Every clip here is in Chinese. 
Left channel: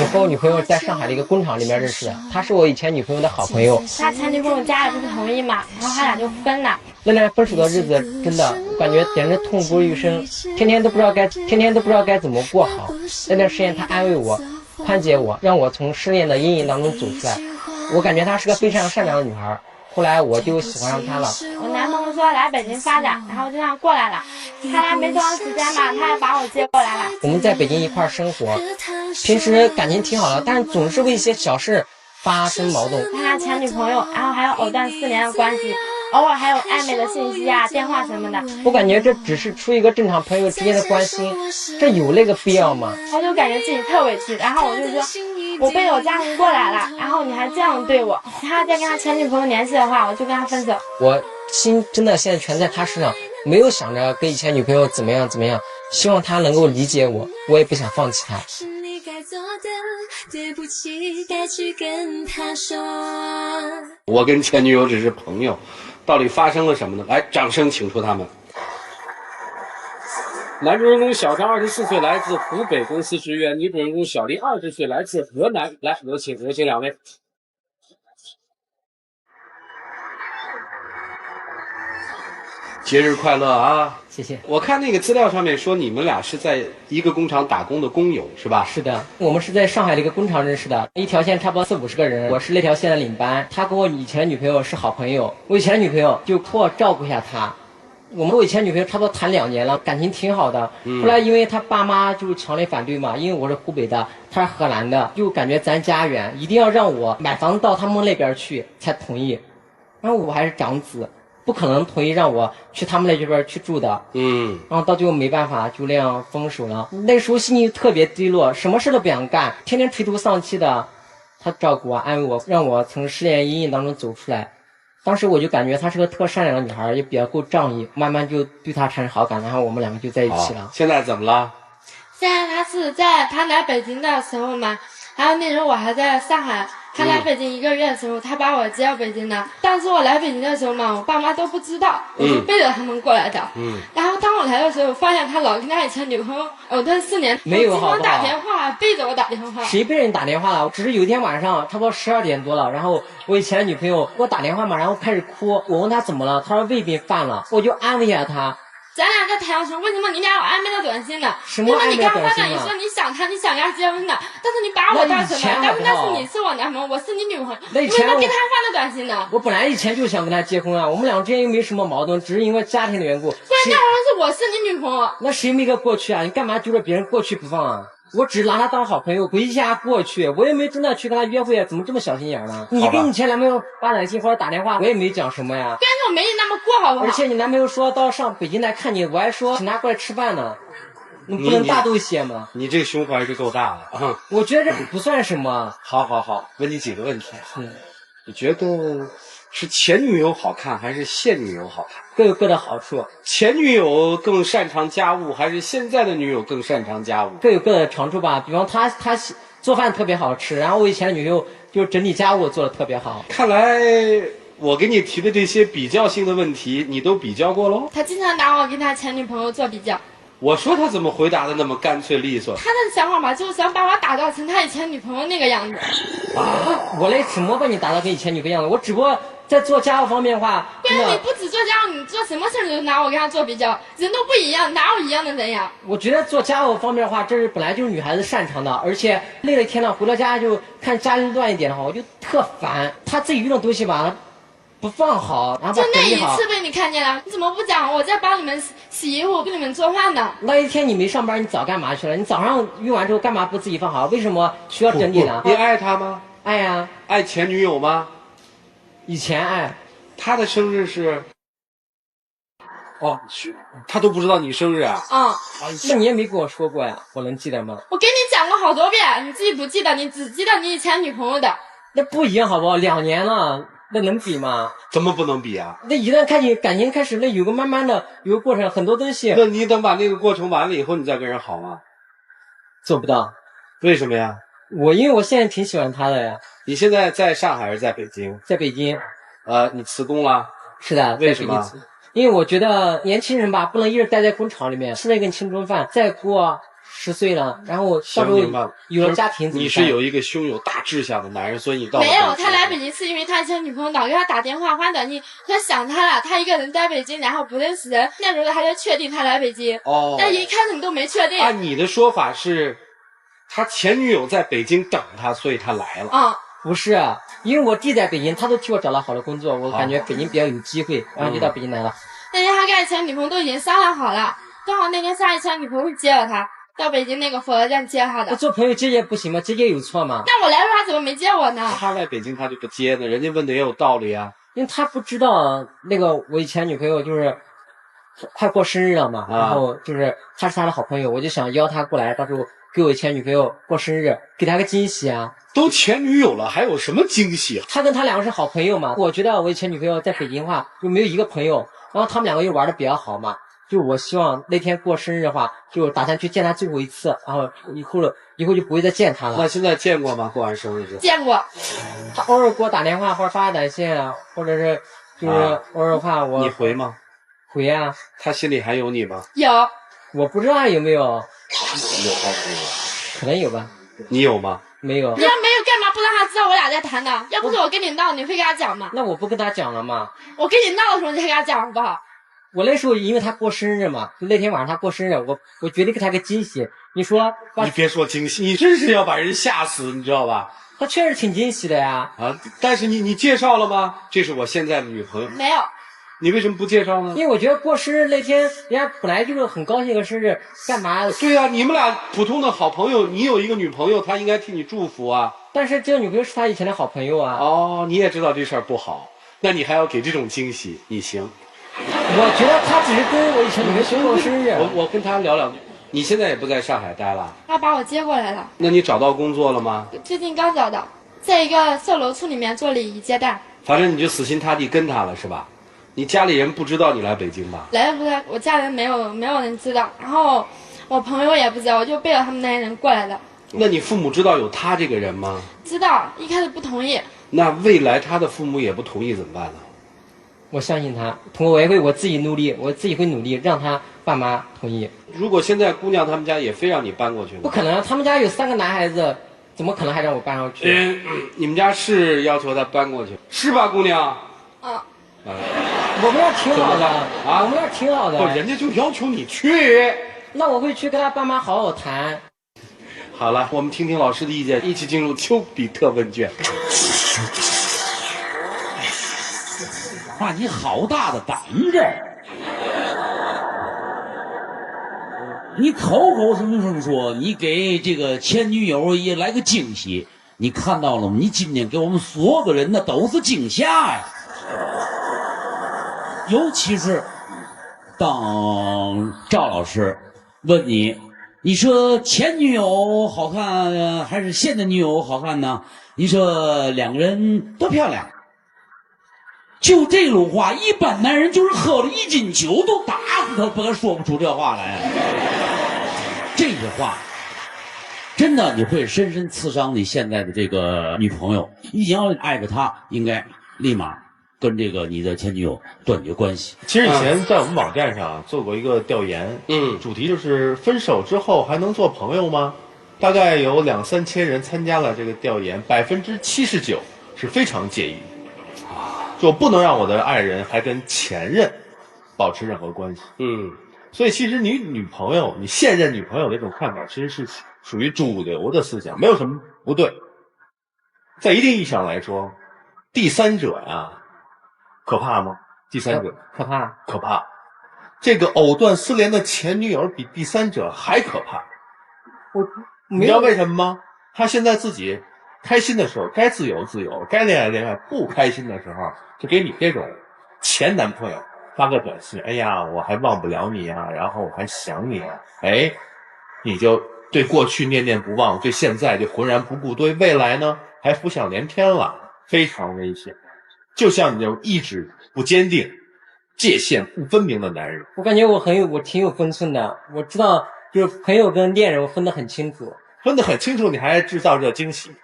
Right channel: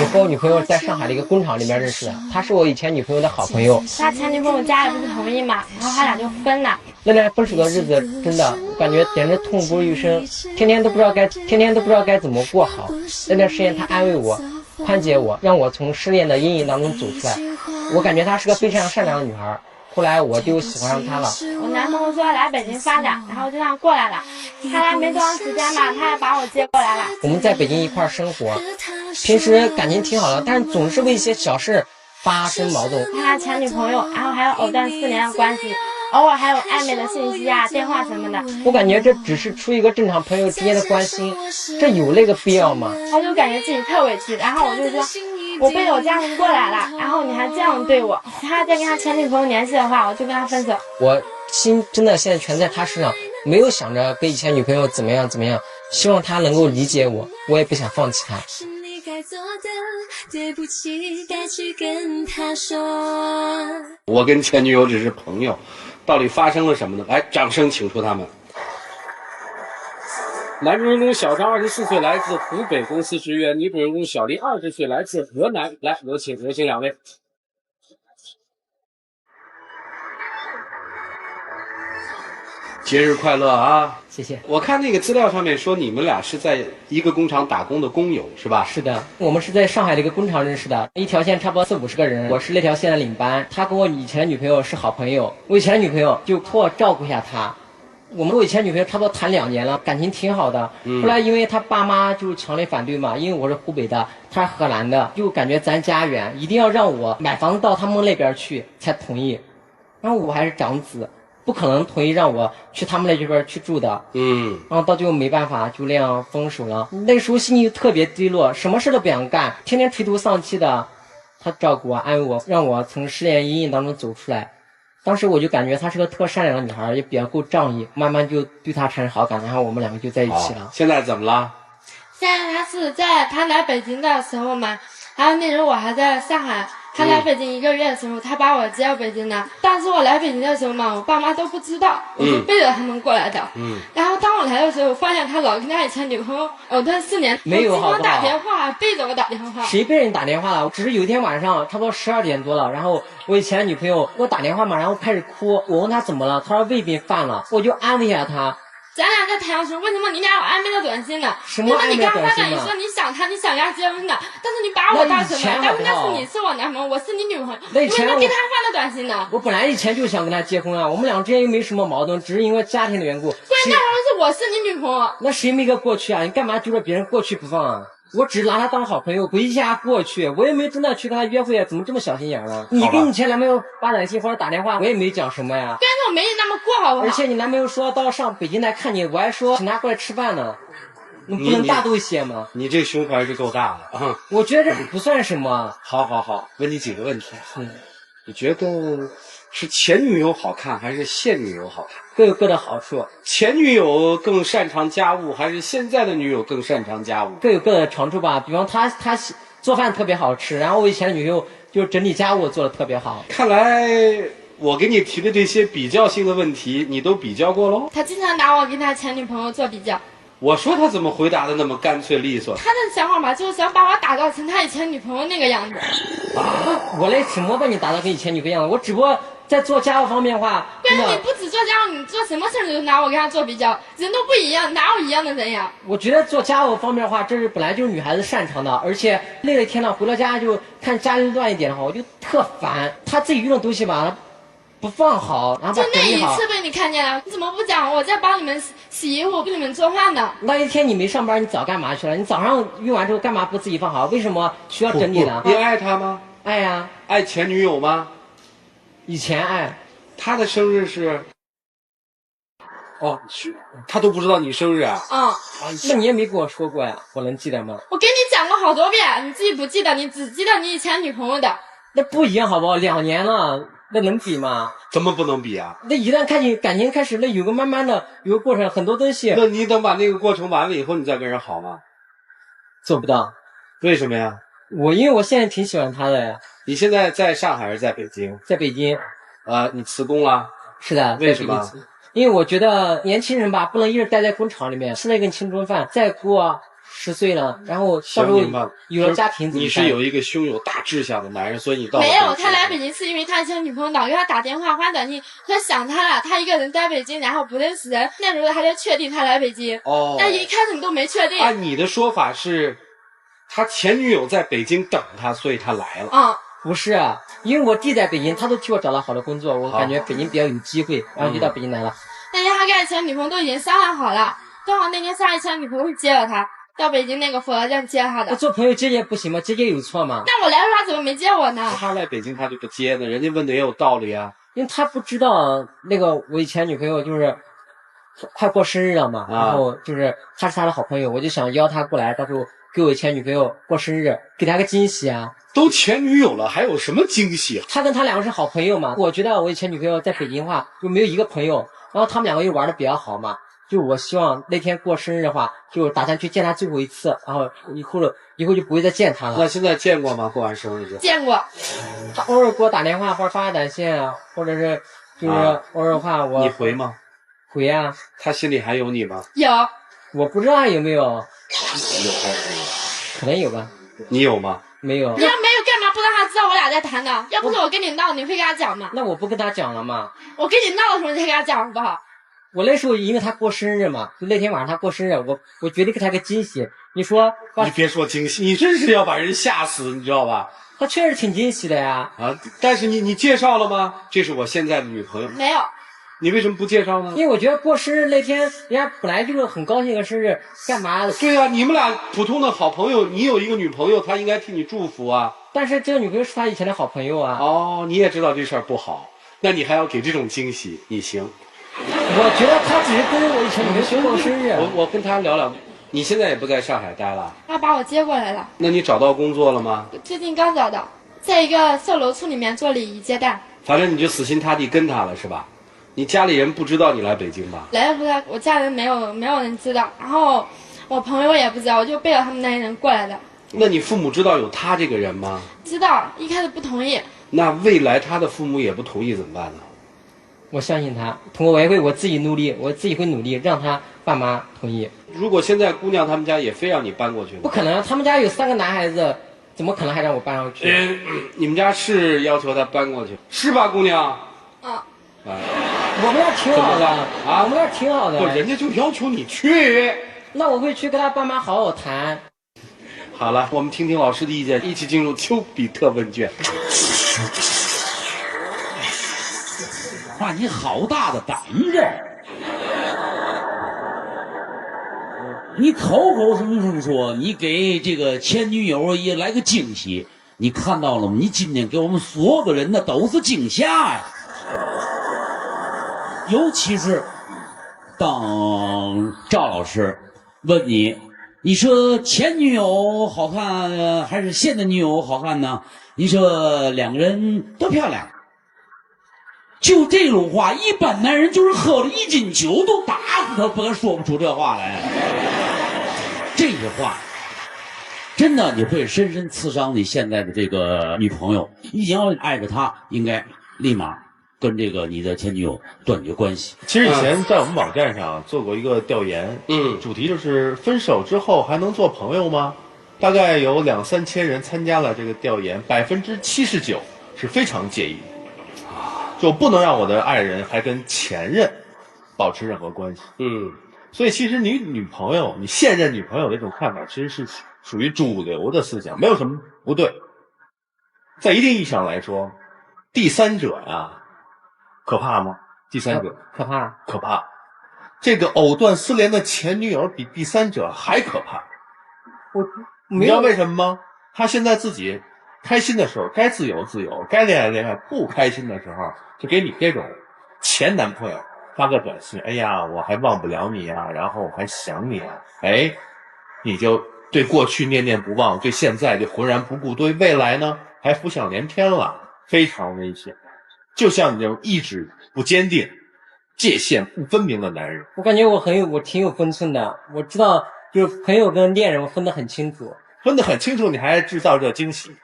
我和我女朋友在上海的一个工厂里面认识的，她是我以前女朋友的好朋友。他前女朋友家里不同意嘛，然后他俩就分了。那段分手的日子真的感觉简直痛不欲生，天天都不知道该怎么过好。那段时间她安慰我，宽解我，让我从失恋的阴影当中走出来。我感觉她是个非常善良的女孩。后来我就喜欢上她了。我男朋友说来北京发展，然后就这样过来了。他来没多长时间吧，他也把我接过来了。我们在北京一块生活，平时感情挺好的，但总是为一些小事发生矛盾。他前女朋友，然后还有藕断丝连的关系，偶尔还有暧昧的信息啊、电话什么的。我感觉这只是出于一个正常朋友之间的关心，这有那个必要吗？我就感觉自己特委屈，然后我就说，我背我家人过来了，然后你还这样对我，他再跟他前女朋友联系的话，我就跟他分手。我心真的现在全在他身上，没有想着跟以前女朋友怎么样，希望他能够理解我，我也不想放弃他。对不起，该去跟他说。我跟前女友只是朋友，到底发生了什么呢？来，掌声请出他们。男主人公小张24岁，来自湖北，公司职员；女主人公小丽20岁，来自河南。来，有请两位。节日快乐啊！谢谢。我看那个资料上面说你们俩是在一个工厂打工的工友是吧？是的，我们是在上海的一个工厂认识的，一条线差不多40-50个人，我是那条线的领班。他跟我以前的女朋友是好朋友，我以前的女朋友就托我照顾一下他。我们跟我以前女朋友差不多谈2年了，感情挺好的。后来因为他爸妈就强烈反对嘛，因为我是湖北的，他是河南的，就感觉咱家远，一定要让我买房子到他们那边去才同意。然后我还是长子，不可能同意让我去他们那边去住的。然后到最后没办法，就那样分手了。那时候心情特别低落，什么事都不想干，天天垂头丧气的。他照顾我，安慰我，让我从失恋阴影当中走出来。当时我就感觉她是个特善良的女孩，也比较够仗义，慢慢就对她产生好感，然后我们2个就在一起了。现在怎么了？现在他是在他来北京的时候嘛，还有那时候我还在上海。他来北京1个月的时候，他把我接到北京来。当时我来北京的时候嘛，我爸妈都不知道，我就背着他们过来的。然后当我来的时候，我发现他老跟他以前女朋友藕断丝连，没有好不好？打电话背着我打电话。谁被人打电话了？只是有一天晚上，差不多12点多了，然后我以前的女朋友给我打电话嘛，然后开始哭。我问她怎么了，她说胃病犯了，我就安慰一下她。咱俩在谈的时候，为什么你俩有暧昧的短信呢？什么暧昧的短信呢？你说你想他，你想跟他结婚的，但是你把我带走了，但是你是我男朋友，我是你女朋友，那以前为什么给他发的短信呢？我本来以前就想跟他结婚啊，我们俩之间又没什么矛盾，只是因为家庭的缘故。关键是我是你女朋友，那谁没个过去啊？你干嘛揪着别人过去不放啊？我只拿他当好朋友，回忆一下过去，我也没真的去跟他约会啊，怎么这么小心眼呢？你跟你前男朋友发短信或者打电话，我也没讲什么呀。关键我没你那么过，好不好？而且你男朋友说到上北京来看你，我还说请他过来吃饭呢，你不能大度一些吗？你这胸怀是够大的啊！我觉得这不算什么。好，问你几个问题。你觉得是前女友好看还是现女友好看？各有各的好处。前女友更擅长家务还是现在的女友更擅长家务？各有各的长处吧。比方他做饭特别好吃，然后我以前的女友就是整理家务做的特别好。看来我给你提的这些比较性的问题，你都比较过喽？他经常拿我跟他前女朋友做比较。我说他怎么回答的那么干脆利索？他的想法吧，就是想把我打造成他以前女朋友那个样子。我来什么把你打造跟以前女朋友样子？我只不过在做家务方面的话，关键你不止做家务，你做什么事都拿我跟他做比较，人都不一样，哪有一样的人呀？我觉得做家务方面的话，这是本来就是女孩子擅长的，而且累了一天了，回到家就看家里乱一点的话，我就特烦。他自己用的东西吧，他不放好，然后把就那一整理好。次被你看见了，你怎么不讲？我在帮你们洗衣服，给你们做饭呢。那一天你没上班，你早干嘛去了？你早上用完之后干嘛不自己放好？为什么需要整理呢？你爱他吗？爱啊。爱前女友吗？以前爱。他的生日是？哦，他都不知道你生日啊？那你也没跟我说过呀，我能记得吗？我给你讲过好多遍，你自己不记得，你只记得你以前女朋友的。那不一样好不好？2年了，那能比吗？怎么不能比啊？那一旦感情开始，那有个慢慢的有个过程，很多东西。那你等把那个过程完了以后，你再跟人好吗？做不到。为什么呀？因为我现在挺喜欢他的。你现在在上海还是在北京？在北京。你辞工了？是的。为什么？因为我觉得年轻人吧，不能一直待在工厂里面，吃了一个青春饭，再过10岁了，然后到时候明白了，有了家庭怎么办？你是有一个胸有大志向的男人，所以你到了没有，北京他来北京是因为他以前女朋友老给他打电话发短信，说想他了，他一个人在北京，然后不认识人，那时候还在确定他来北京。哦，但一开始你都没确定。按你的说法是，他前女友在北京等他，所以他来了。嗯，不是啊，因为我弟在北京，他都替我找了好的工作，我感觉北京比较有机会，然后就到北京来了。那天他跟以前女朋友都已经商量好了，正好那天他以前女朋友接了他，到北京那个火车站接他的。那做朋友接接不行吗？接接有错吗？那我来的时候他怎么没接我呢？他来北京他就不接呢，人家问的也有道理啊。因为他不知道那个我以前女朋友就是快过生日了嘛，然后就是他是他的好朋友，我就想邀他过来，到时候给我以前女朋友过生日，给他个惊喜啊。都前女友了，还有什么惊喜？他跟他两个是好朋友嘛，我觉得我以前女朋友在北京的话就没有一个朋友，然后他们两个又玩的比较好嘛，就我希望那天过生日的话，就打算去见他最后一次，然后以后就不会再见他了。那现在见过吗？过完生日之后见过。他偶尔给我打电话或者发短信，或者是就是偶尔的话我你回吗？回啊。他心里还有你吗？有。我不知道还有没有，有还是没有？可能有吧。你有吗？没有。你要没有干嘛不让他知道我俩在谈呢？要不是我跟你闹，你会跟他讲吗？那我不跟他讲了吗？我跟你闹的时候你还跟他讲好不好？我那时候因为他过生日嘛，那天晚上他过生日，我决定给他个惊喜。你说，你别说惊喜，你真是要把人吓死，你知道吧？他确实挺惊喜的呀。啊！但是你介绍了吗？这是我现在的女朋友。没有。你为什么不介绍呢？因为我觉得过生日那天，人家本来就是很高兴的生日，干嘛？对呀，你们俩普通的好朋友，你有一个女朋友，她应该替你祝福啊。但是这个女朋友是他以前的好朋友啊。哦，你也知道这事儿不好，那你还要给这种惊喜，你行？我觉得他只是跟我以前女朋友去过生日。我跟他聊聊。你现在也不在上海待了？他把我接过来了。那你找到工作了吗？最近刚找到，在一个售楼处里面做礼仪接待。反正你就死心塌地跟他了是吧？你家里人不知道你来北京吧？来的时候我家人没有人知道，然后我朋友也不知道，我就背着他们那些人过来的。那你父母知道有他这个人吗？知道，一开始不同意。那未来他的父母也不同意怎么办呢？我相信他，我自己努力，我自己会努力让他爸妈同意。如果现在姑娘他们家也非让你搬过去呢？不可能，他们家有3个男孩子，怎么可能还让我搬上去？你们家是要求他搬过去是吧，姑娘？嗯。哎，我们那挺好的啊，我们那挺好的。不，人家就要求你去。那我会去跟他爸妈好好谈。好了，我们听听老师的意见，一起进入丘比特问卷。哇，你好大的胆子！你口口声声说你给这个前女友也来个惊喜，你看到了吗？你今天给我们所有的人那都是惊吓呀！尤其是当赵老师问你，你说前女友好看还是现的女友好看呢？你说两个人都漂亮。就这种话，一般男人就是喝了1斤酒都打死他，不敢说不出这话来。这句话真的你会深深刺伤你现在的这个女朋友。你想要爱着她，应该立马跟这个你的前女友断绝关系。其实以前在我们网站上做过一个调研，主题就是分手之后还能做朋友吗？大概有2、3千人参加了这个调研，79%是非常介意。就不能让我的爱人还跟前任保持任何关系。所以其实你女朋友、你现任女朋友的这种看法，其实是属于主流的思想，没有什么不对。在一定意义上来说，第三者呀，可怕吗？第三者可怕呀，可怕。这个藕断丝连的前女友比第三者还可怕。你知道为什么吗？他现在自己开心的时候该自由自由，该恋爱恋爱，不开心的时候就给你这种前男朋友发个短信，哎呀我还忘不了你啊，然后我还想你啊，哎，你就对过去念念不忘，对现在就浑然不顾，对未来呢还浮想联翩了，非常危险。就像你这种意志不坚定、界限不分明的男人。我感觉我挺有分寸的，我知道就是朋友跟恋人我分得很清楚。分得很清楚，你还制造这惊喜，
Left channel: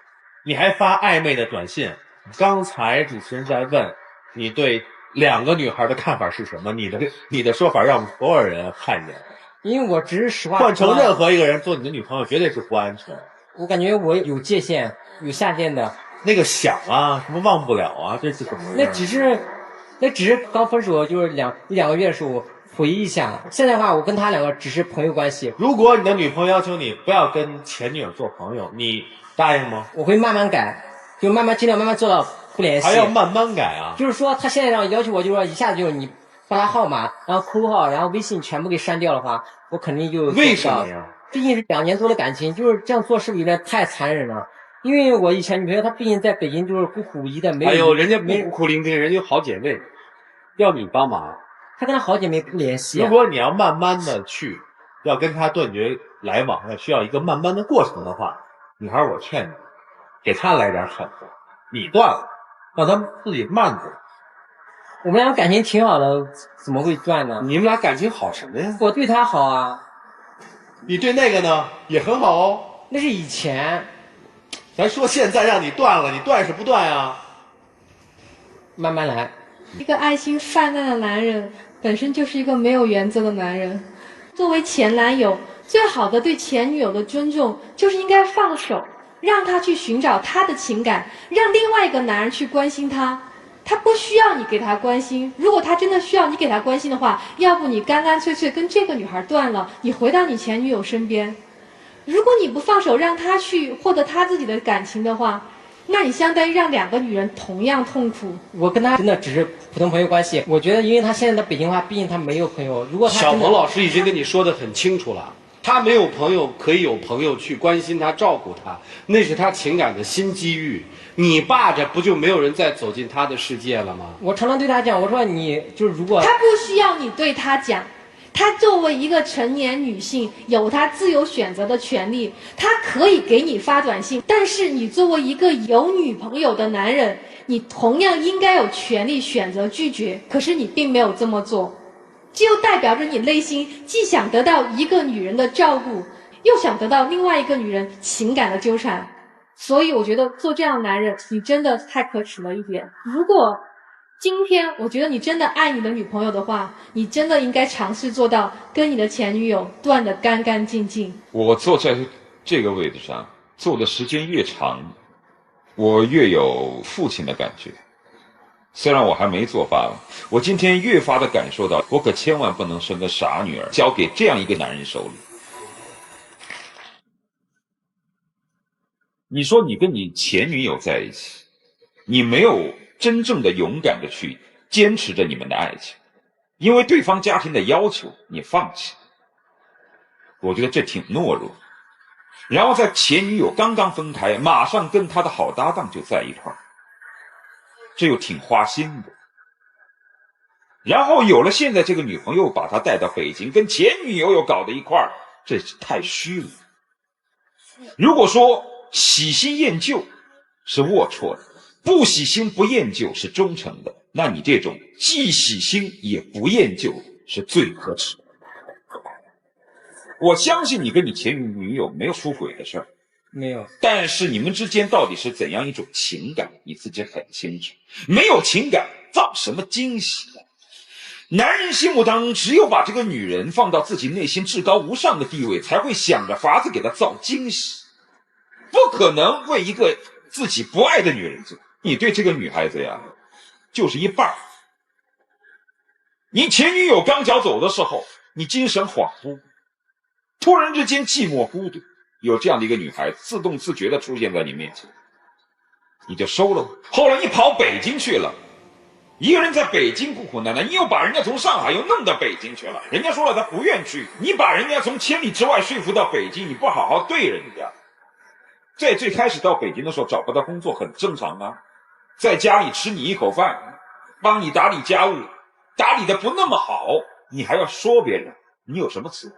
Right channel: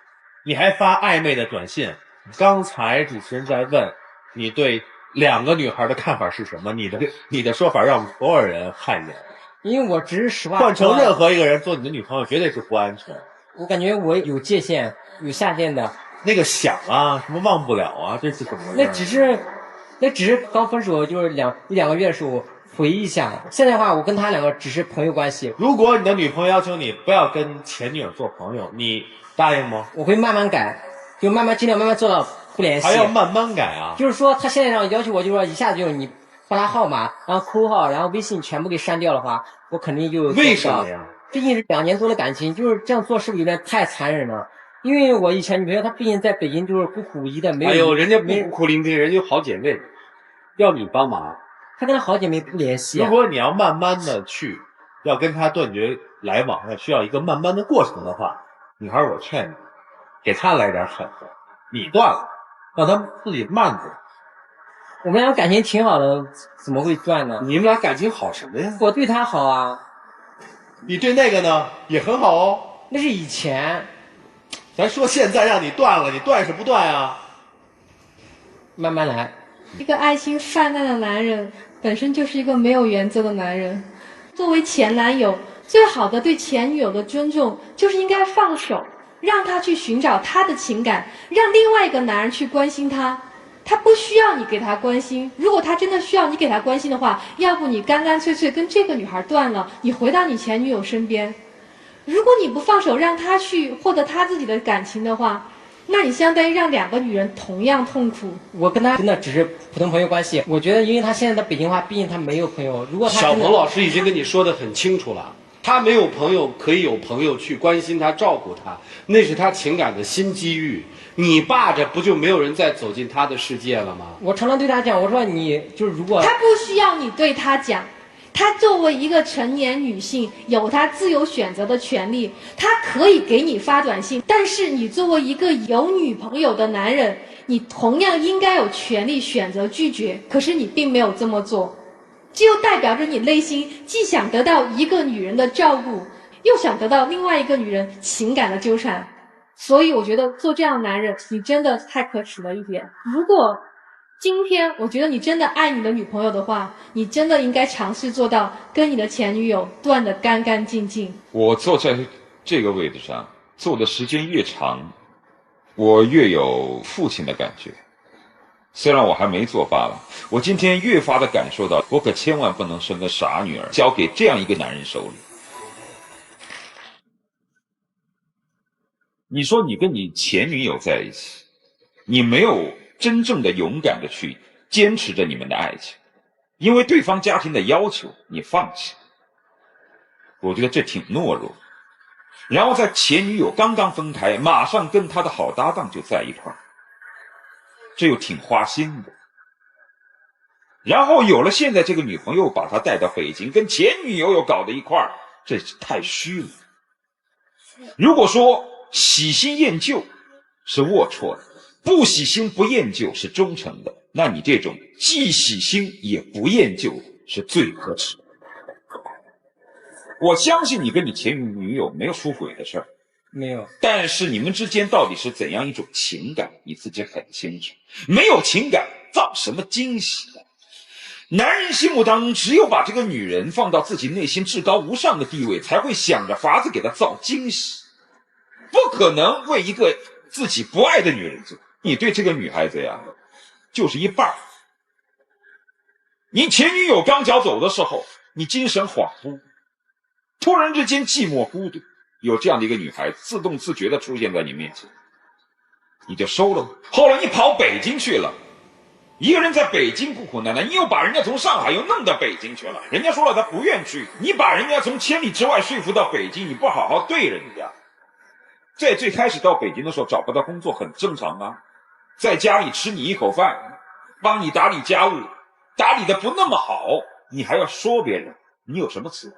你还发暧昧的短信。刚才主持人在问你对2个女孩的看法是什么，你的说法让我们所有人汗颜。因为我只是实话换成任何一个人做你的女朋友，绝对是不安全。我感觉我有界限，有下限的。那个想啊，什么忘不了啊，这是怎么？那只是刚分手就是一两个月的时候回忆一下。现在的话，我跟他两个只是朋友关系。如果你的女朋友要求你不要跟前女友做朋友，你答应吗？我会慢慢改，就尽量慢慢做到不联系。还要慢慢改啊？就是说，他现在要求我，就是说一下子就是你把他号码，然后扣号，然后微信全部给删掉的话，我肯定就为什么呀？毕竟是2年多的感情，就是这样做是不是有点太残忍了？因为我以前女朋友她毕竟在北京就是孤苦无依的，没有。还有人家不孤苦伶仃，人家有好姐妹，要你帮忙。她跟她好姐妹不联系。如果你要慢慢的去，要跟她断绝来往，要需要一个慢慢的过程的话，女孩我劝你，给她来点狠的，你断了，让她自己慢着。我们俩感情挺好的，怎么会断呢？你们俩感情好什么呀？我对她好啊。你对那个呢也很好哦。那是以前。咱说现在让你断了，你断是不断啊？慢慢来。一个爱心泛滥的男人，本身就是一个没有原则的男人。作为前男友，最好的对前女友的尊重，就是应该放手，让他去寻找他的情感，让另外一个男人去关心他。他不需要你给他关心，如果他真的需要你给他关心的话，要不你干干脆脆跟这个女孩断了，你回到你前女友身边。如果你不放手让他去获得他自己的感情的话，那你相当于让2个女人同样痛苦。我跟他真的只是普通朋友关系。我觉得，因为他现在在北京的话，毕竟他没有朋友。如果他小鹏老师已经跟你说得很清楚了，他没有朋友，可以有朋友去关心他、照顾他，那是他情感的新机遇。你霸着，不就没有人再走进他的世界了吗？我常常对他讲，我说你就是如果他不需要你对他讲。她作为一个成年女性，有她自由选择的权利，她可以给你发短信，但是你作为一个有女朋友的男人，你同样应该有权利选择拒绝，可是你并没有这么做，这就代表着你内心既想得到一个女人的照顾，又想得到另外一个女人情感的纠缠。所以我觉得做这样的男人，你真的太可耻了一点。如果今天我觉得你真的爱你的女朋友的话，你真的应该尝试做到跟你的前女友断得干干净净。我坐在这个位置上坐的时间越长，我越有父亲的感觉。虽然我还没做爸爸，我今天越发的感受到，我可千万不能生个傻女儿交给这样一个男人手里。你说你跟你前女友在一起，你没有真正的勇敢的去坚持着你们的爱情，因为对方家庭的要求你放弃，我觉得这挺懦弱。然后在前女友刚刚分开，马上跟他的好搭档就在一块儿，这又挺花心的。然后有了现在这个女朋友，把他带到北京，跟前女友又搞到一块儿，这太虚了。如果说喜新厌旧是龌龊的，不喜新不厌旧是忠诚的，那你这种既喜新也不厌旧是最可耻的。我相信你跟你前女友没有出轨的事儿，没有，但是你们之间到底是怎样一种情感，你自己很清楚。没有情感，造什么惊喜呢？男人心目当中，只有把这个女人放到自己内心至高无上的地位，才会想着法子给她造惊喜，不可能为一个自己不爱的女人做。你对这个女孩子呀，就是一半。你前女友刚脚走的时候，你精神恍惚，突然之间寂寞孤独，有这样的一个女孩自动自觉地出现在你面前，你就收了吧。后来你跑北京去了，一个人在北京苦苦难难，你又把人家从上海又弄到北京去了，人家说了他不愿去，你把人家从千里之外说服到北京，你不好好对人家。在最开始到北京的时候找不到工作很正常啊，在家里吃你一口饭，帮你打理家务，打理的不那么好，你还要说别人，你有什么资格？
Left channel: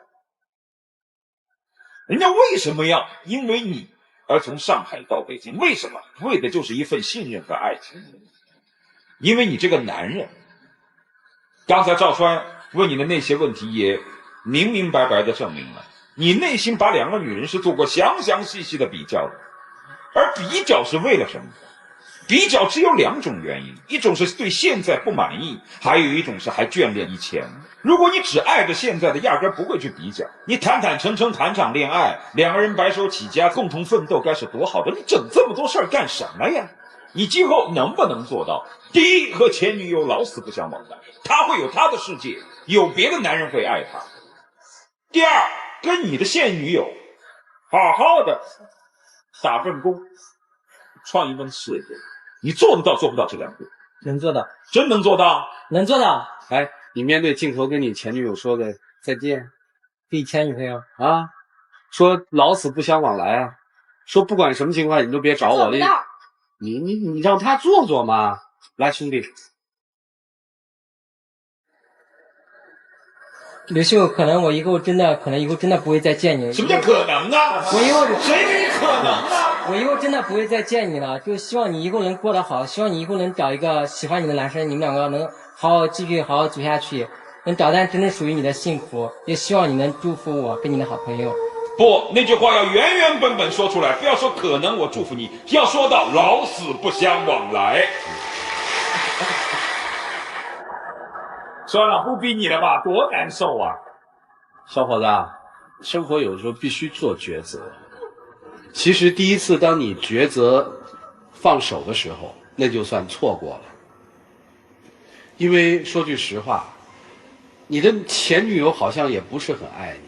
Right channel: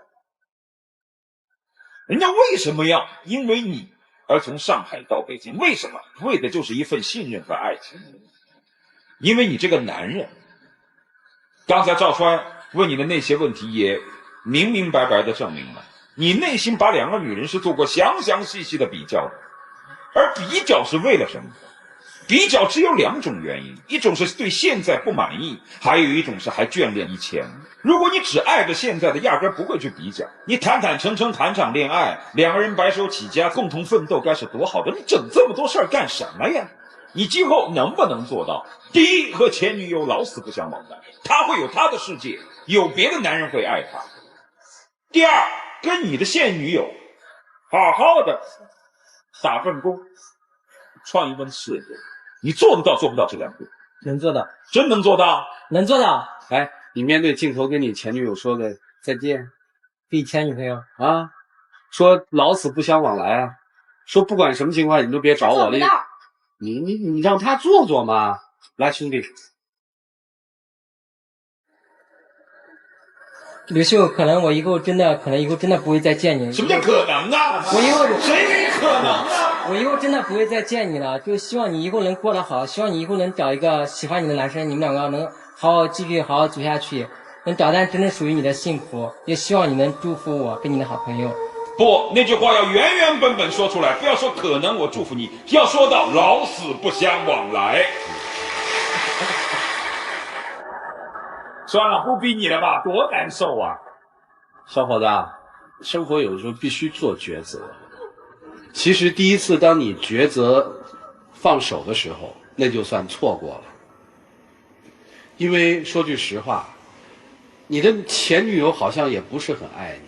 人家为什么要因为你而从上海到北京？为什么？为的就是一份信任和爱情。因为你这个男人，刚才赵川问你的那些问题也明明白白的证明了，你内心把两个女人是做过详详细细的比较的，而比较是为了什么？比较只有2种原因，一种是对现在不满意，还有一种是还眷恋以前。如果你只爱着现在的，压根不会去比较。你坦坦诚诚谈场恋爱，2个人白手起家，共同奋斗，该是多好的！你整这么多事儿干什么呀？你今后能不能做到？第一，和前女友老死不相往来，他会有他的世界，有别的男人会爱他。第二，跟你的现女友好好的打份工，创一份事业。你做得到做不到这2个？能做到，真能做到？能做到。哎，你面对镜头跟你前女友说个再见，给前女朋友啊，说老死不相往来，说不管什么情况你都别找我了。你让他做做嘛。来，兄弟，刘秀，可能以后真的不会再见你。什么叫可能呢？我以后谁没可能呢？我以后真的不会再见你了，就希望你以后能过得好，希望你以后能找一个喜欢你的男生，你们2个能继续好好走下去，能找到真正属于你的幸福。也希望你能祝福我跟你的好朋友。不，那句话要原原本本说出来，不要说可能我祝福你，要说到老死不相往来。算了，不逼你了吧，多难受啊！小伙子，生活有时候必须做抉择。其实第一次当你抉择放手的时候，那就算错过了。因为说句实话，你的前女友好像也不是很爱你。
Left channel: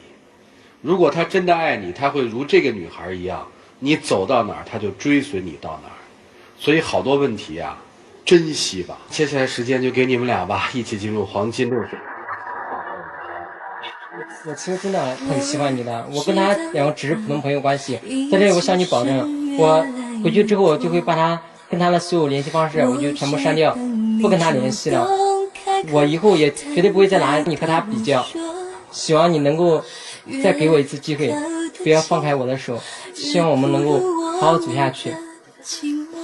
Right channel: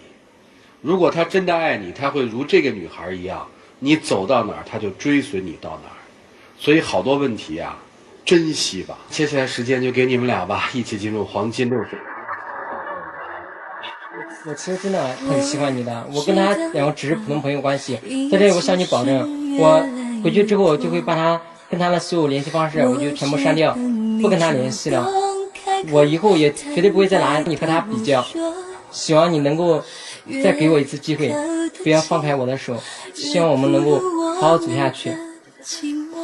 如果她真的爱你，她会如这个女孩一样，你走到哪儿，她就追随你到哪儿。所以好多问题啊，珍惜吧。接下来时间就给你们俩吧，一起进入黄金60。我其实真的很喜欢你的，我跟他2个只是普通朋友关系。在这里我向你保证，我回去之后就会把他跟他的所有联系方式我就全部删掉，不跟他联系了。我以后也绝对不会再拿你和他比较。希望你能够再给我一次机会，不要放开我的手，希望我们能够好好走下去。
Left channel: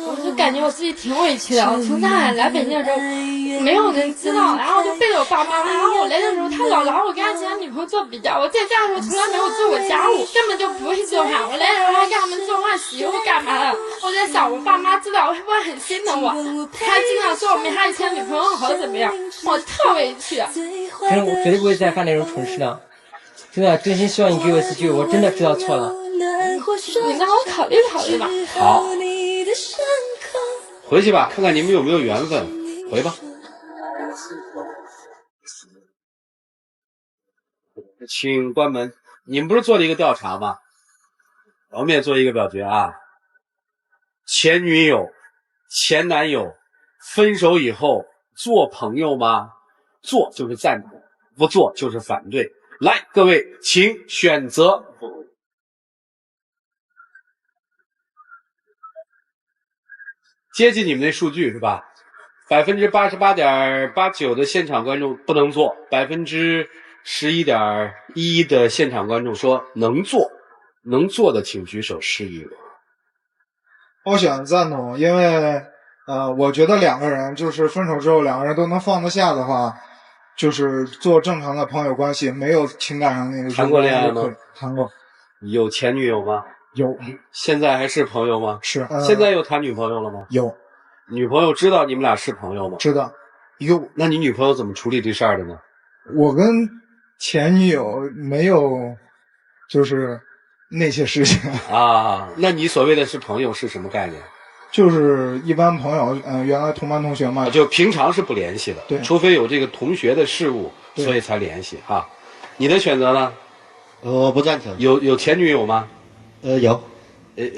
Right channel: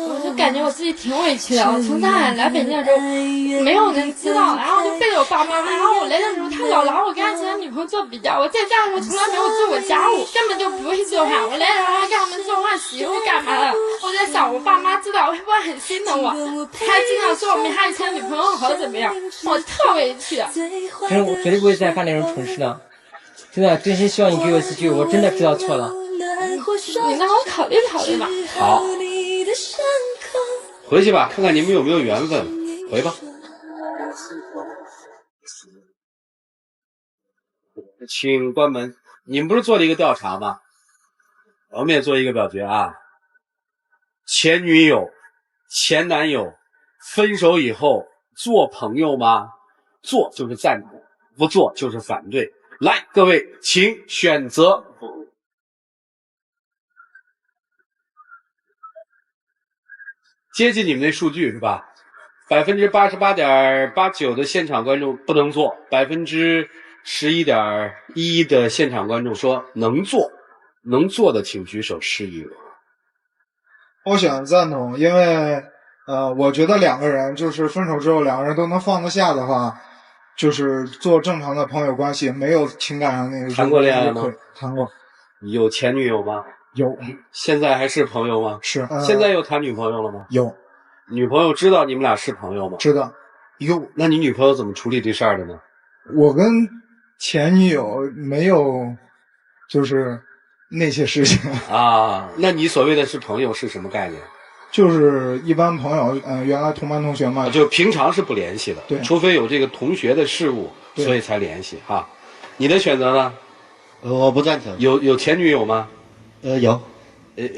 我就感觉我自己挺委屈的，从上海来北京的时候没有人知道，然后就背着我爸妈，然后我来的时候他老拿我跟他其他女朋友做比较，我在家的时候从来没有做过家务，根本就不会做饭，我来的时候还给他们做饭洗衣服干嘛的。我在想我爸妈知道会不会很心疼我，还经常说我没他以前女朋友好怎么样，我特委屈。我绝对不会再犯那种蠢事的，真的真心希望你给我一次机会，我真的知道错了。你让我考虑考虑吧。好，回去吧，看看你们有没有缘分。回吧。请关门。你们不是做了一个调查吗？我们也做一个表决啊。前女友、前男友分手以后做朋友吗？做就是赞同，不做就是反对。来，各位请选择。接近你们那数据是吧？88.89%的现场观众不能做，11.11%的现场观众说能做，能做的请举手示意我。我选赞同，因为我觉得2个人就是分手之后2个人都能放得下的话，就是做正常的朋友关系，没有情感上那个。谈过恋爱吗？谈过。有前女友吗？有。现在还是朋友吗？是。现在有谈女朋友了吗？有。女朋友知道你们俩是朋友吗？知道。哟，那你女朋友怎么处理这事儿的呢？我跟前女友没有，就是那些事情啊。那你所谓的是朋友是什么概念？就是一般朋友，原来同班同学嘛，就平常是不联系的，对，除非有这个同学的事务，所以才联系哈。你的选择呢？我不赞成。有前女友吗？有。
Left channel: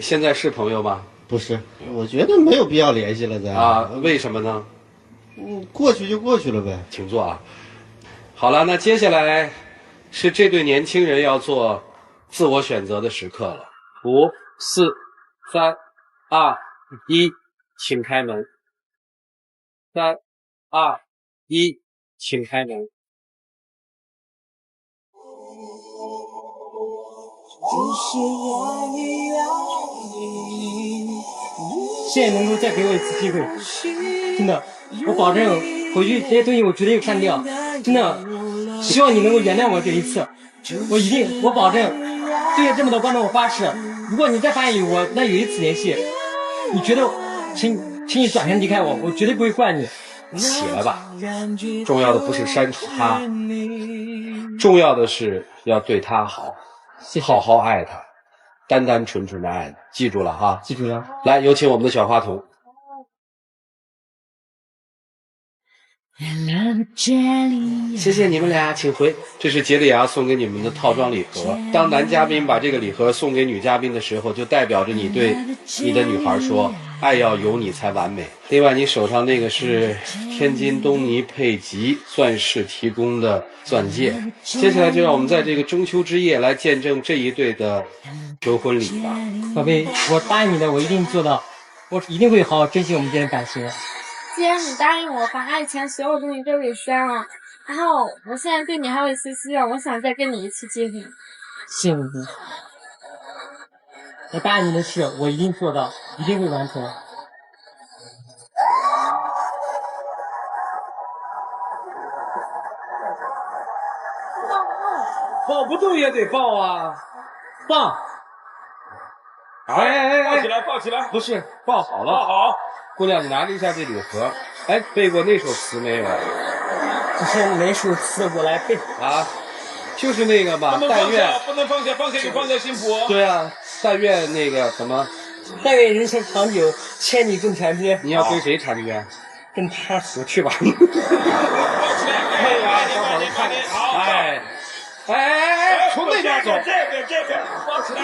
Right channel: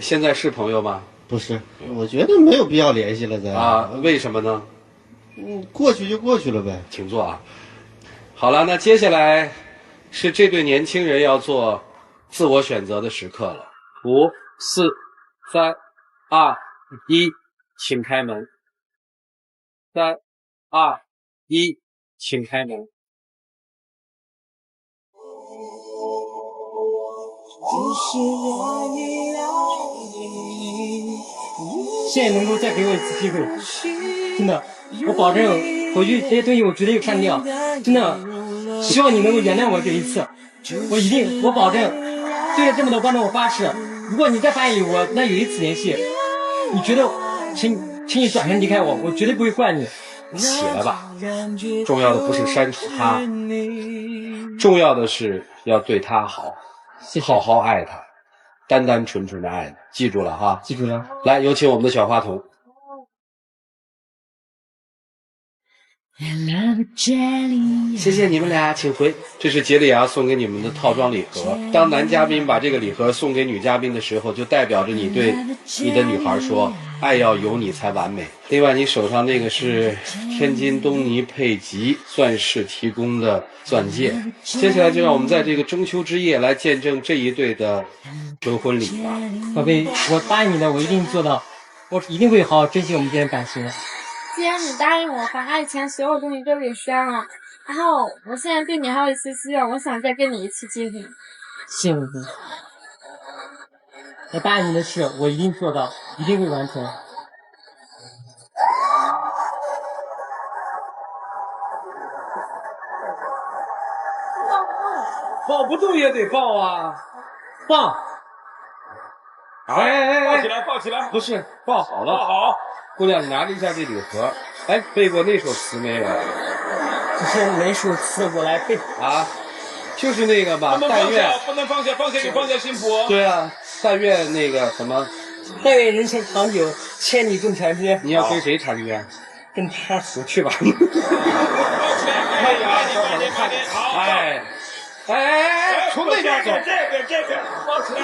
现在是朋友吗？不是，我觉得没有必要联系了的啊。为什么呢？过去就过去了呗。请坐啊。好了，那接下来是这对年轻人要做自我选择的时刻了。5、4、3、2、1，请开门。3、2、1，请开门。现在能够再给我一次机会，真的，我保证回去这些东西我绝对删掉，真的，希望你能够原谅我这一次，我保证，对着这么多观众我发誓，如果你再发现我那有一次联系，你觉得，请请你转身离开我，我绝对不会怪你。起来吧，重要的不是删除他，重要的是要对他好，谢谢，好好爱他，单单纯纯的爱他，记住了哈，记住了。来，有请我们的小话筒。谢谢你们俩，请回。这是杰里亚送给你们的套装礼盒。当男嘉宾把这个礼盒送给女嘉宾的时候，就代表着你对你的女孩说，爱要有你才完美。另外，你手上那个是天津东尼佩吉钻石提供的钻戒。接下来就让我们在这个中秋之夜来见证这一对的求婚礼吧。宝贝，我答应你的，我一定做到，我一定会好好珍惜我们之间的感情。既然你答应我把以前所有东西都给删了，然后我现在对你还有一些希望，我想再跟你一起结婚。谢谢你，我答应你的事我一定做到，一定会完成。抱不动也得抱啊，抱！哎，抱起来，抱起来，不是抱好了，抱好。姑娘，你拿着一下这礼盒。哎，背过那首词没有？这是哪首词？我来背啊，就是那个吧。但愿不能放下，放下就放在心谱。对啊，但愿那个什么，但愿人生长久，千里共婵娟。你要跟谁婵娟？跟他我去吧。哎，小伙子看着，好，哎，从那边走。这个，抱起来。